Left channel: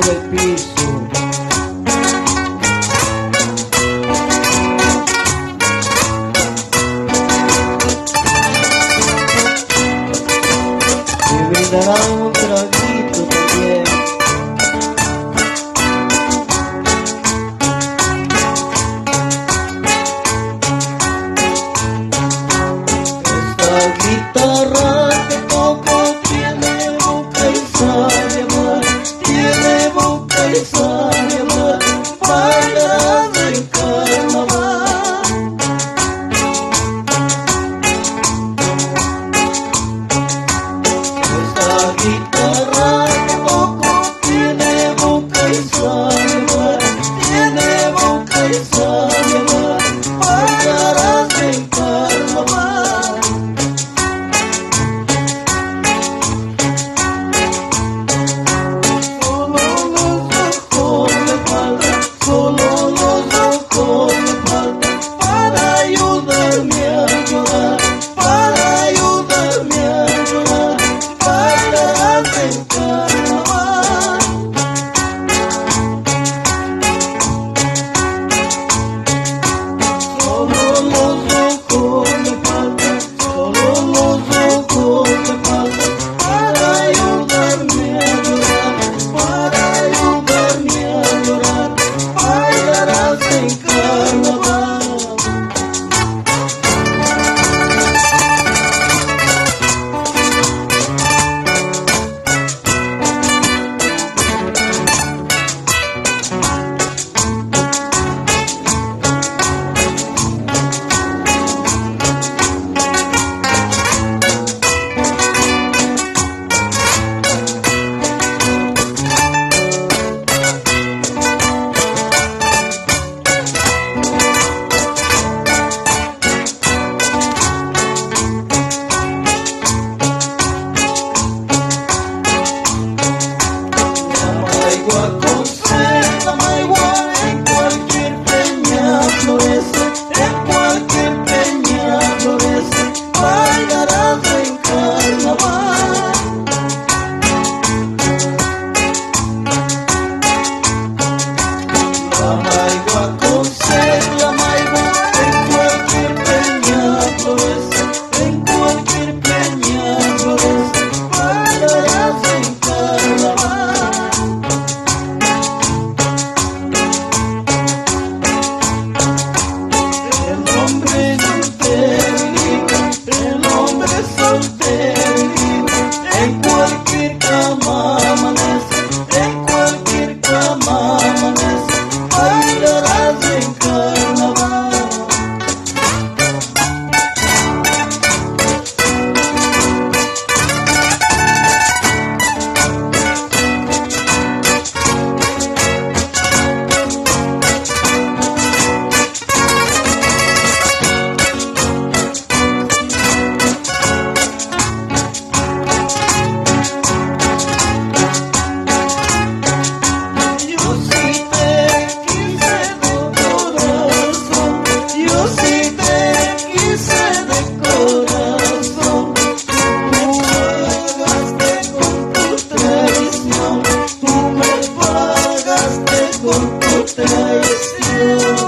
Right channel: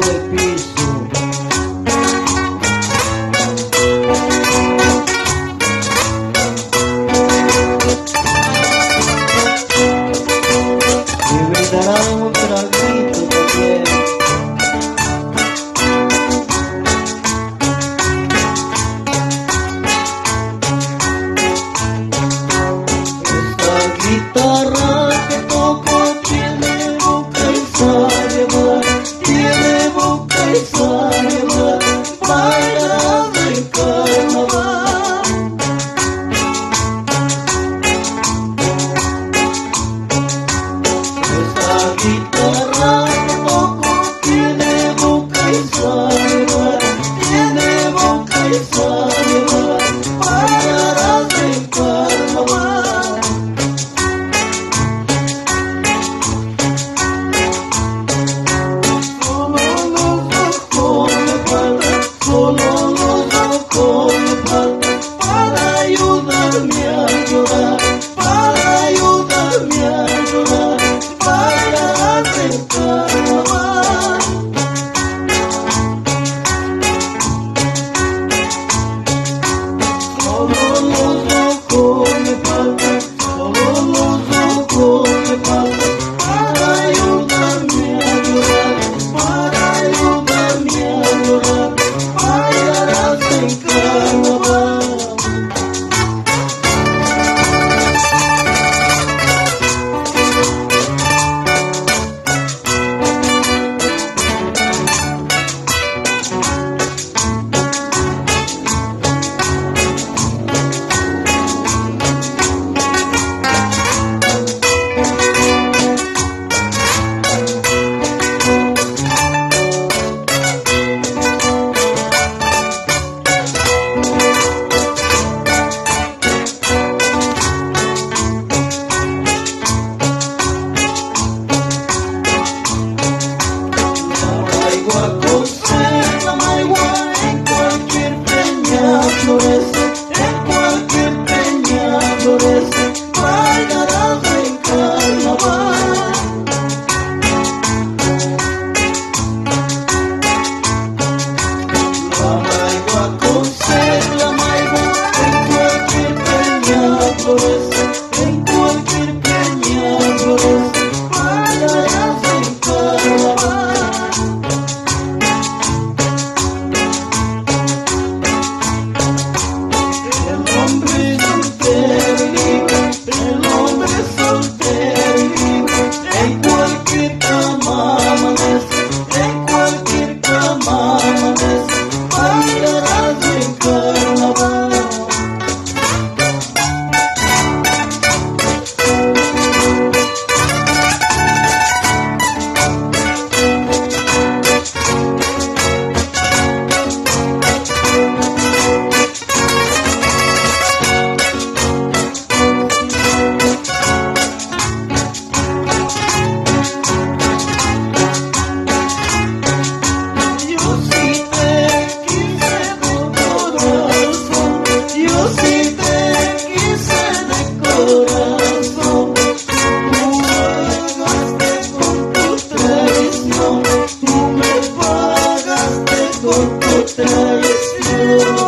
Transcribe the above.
de piso. Y brindará un traguito también. Esta guitarra que toco tiene boca y sabe hablar, tiene boca y sabe hablar, bailará del carnaval. Esta guitarra que toco tiene boca y sabe hablar, tiene boca y sabe hablar, bailará del carnaval. Solo los ojos me faltan para ayudarme a llorar, para ayudarme a llorar, bailar del carnaval. Solo los ojos me faltan, solo los ojos me faltan para ayudarme a llorar, para ayudarme a llorar, bailarás del carnaval. La maigua en cualquier peña florece, en cualquier peña florece, bailará del carnaval. La maigua en cualquier peña florece, en cualquier peña florece, bailará del carnaval. El hombre soltero y libre, en cualquier cama amanece, en cualquier cama amanece, bailará del carnaval. Yo sí te quise de corazón, tú me pagaste con tu traición.